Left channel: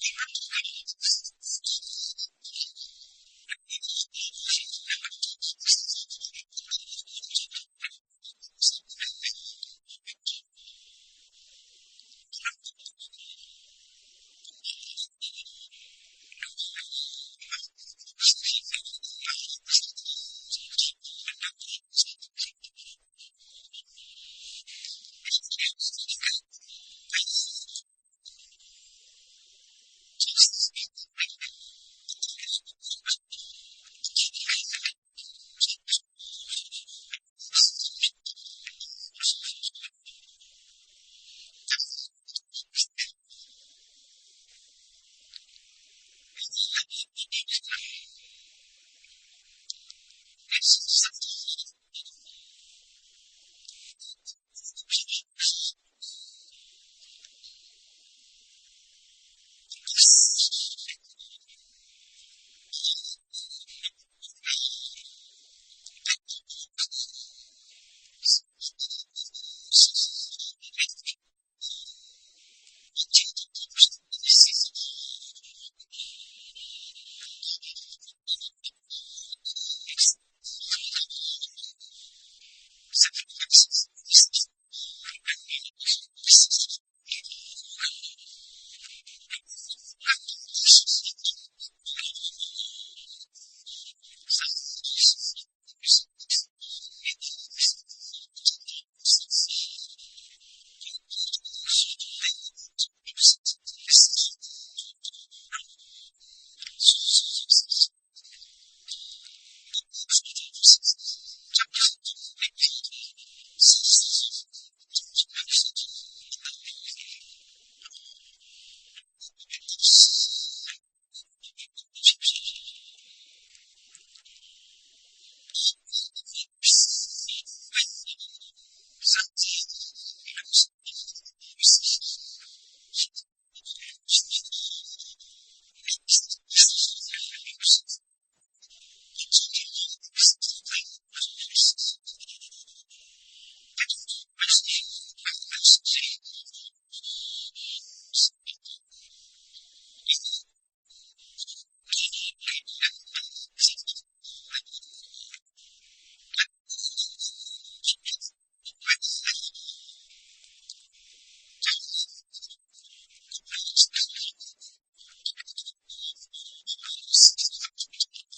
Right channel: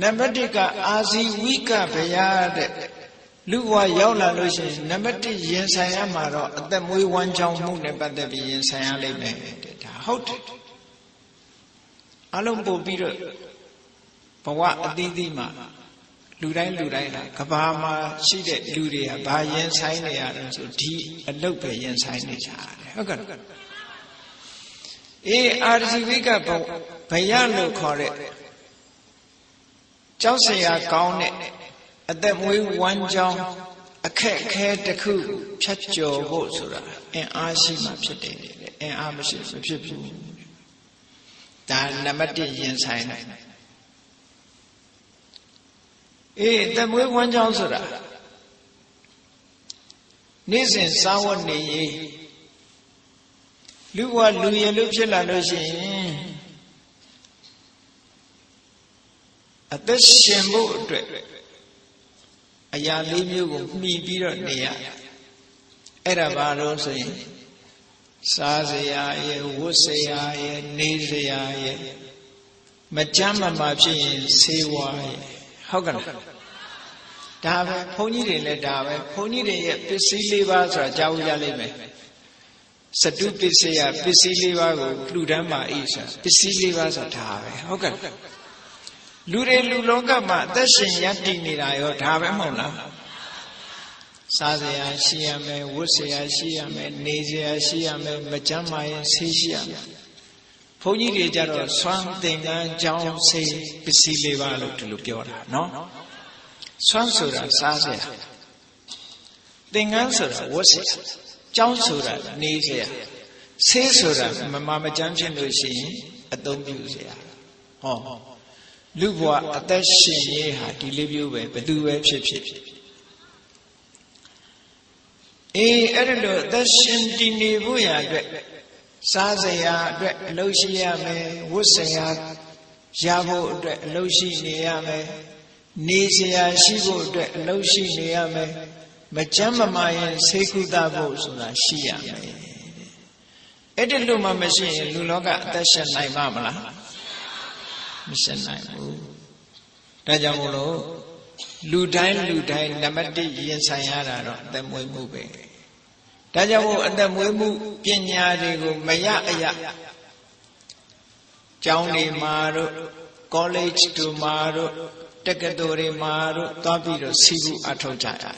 နံပါတ်1ကအာဇီဝိကဗျာတဲ့လူဘဝရောက်လာလို့ရှိရင်နံပါတ်1ရင်ဆိုင်ရမှာတော့အသက်မွေးဝမ်းကြောင်းမှုနဲ့ပတ်သက်ပြီးရင်ဆိုင်ရလိမ့်မယ်တဲ့ဒါဟုတ်တယ်အလုံးပို့ပြီးတော့ဘဝအသီးသီးမှာလူတိုင်းလူတိုင်းဟာကဘာမှာရှိတဲ့လူတွေကဘာရင်ဆိုင်နေရလဲဆိုဒီအလုပ်ပဲရင်ဆိုင်နေကြတယ်ဟုတ်ကဲ့အေးအာဇီဝိကဘဘယလို့ခေါ်တဲ့ ကြောက်စရာကောင်းတဲ့အသက်မွေးဝမ်းကြောင်းအခက်အခဲတစ်ခုဖြတ်ကျော်ဖို့ဆိုတာအင်အားရှိမှဖြစ်တယ်အင်အားမရှိမဖြစ်ဘူးဒါနံပါတ်1ရင်ဆိုင်တယ်အေးအသက်မွေးဝမ်းကြောင်းဆိုတာနေ့စဉ်စားဝတ်နေရေးလူဘဝလူရည်လို့ဖြစ်လာလို့ရှိရင် အသက်ရှင်ဖို့အတွက်အရာလေးမျိုးကိုမှီပြီးတော့နေရအဲ့ဒါဘာလို့ဆိုရင်စားစရာရဲ့ဝတ်စရာရဲ့နေစရာရဲ့မကြမ်းမမာဖြစ်ရင်ဆေးဝါးရဲ့ဟုတ်ကဲ့ဒါပဲဘုန်းကြီးတွေလည်းဒါပဲဘုန်းကြီးတွေရဲ့ပစ္စည်းလေးပါးဆိုတာကြားဝကြလိမ့်မယ်စတုပစ္စယပစ္စည်းလေးပါးကိုလှူဒန်းပါ၏ဆိုတာပစ္စည်းလေးပါးဆိုတာဒါပဲဟုတ်ကဲ့ လူတွေလူလောကမှာအသက်ရှင်ရပ်တည်နေတာရောဒါပဲမဟုတ်လားစားစရာရှိရမယ်ဝတ်စရာရှိရမယ်နေစရာရှိရမယ်မကြမ်းမာရင်ဆေးရှိရမယ်ဘုန်းကြီးတွေကြတော့ဆွမ်းသင်္ကန်းကြောင်းဆေးပစ္စည်းလေးပါလို့ဒီလိုပြောတာနော်ဆွမ်းဆိုတာစားစရာသင်္ကန်းဆိုတာဝတ်စရာကြောင်းဆိုတာနေစရာဆေးဆိုတာမမမကြမ်းဖြစ်လို့ရှိရင်အသုံးပြုစရာဟော လူဘဝအသက်ရှင်ရေးဟာဒီလေးမျိုးပဲဘယ်သူပဲဖြစ်ဖြစ်အေးအဲ့ဒါလို့အသက်ရှင်တည်နေဖို့ရာအတွက်စားစရာအတွက်အလုပ်ရှိရမယ်ဝတ်စရာရဖို့အတွက်အလုပ်ရှိနေရမယ်နေစရာရှိဖို့အတွက်အလုပ်ရှိနေရမယ်မကြမ်းမမာရင်ဆေးကုသဖို့ဆိုတာရှိရမယ်အဲ့ဒီလိုမှမရှိရင်လူလောကအသက်ရှင်နိုင်မှာမလား မရှင်နိုင်ဘူးဒါကြောင့်မို့လို့လူတိုင်းလူတိုင်းနံပါတ်1ရင်ဆိုင်ရတာတော့အသက်မွေးမှုပဲဒါကြောင့်မို့အသက်မွေးမှုပညာတွေကိုမရအရကျောင်းတွေမှာတို့ college တို့မှာတို့တက္ကသိုလ်တွေမှာတို့သွားပြီးတော့စီးပူအထောက်ကြရတာ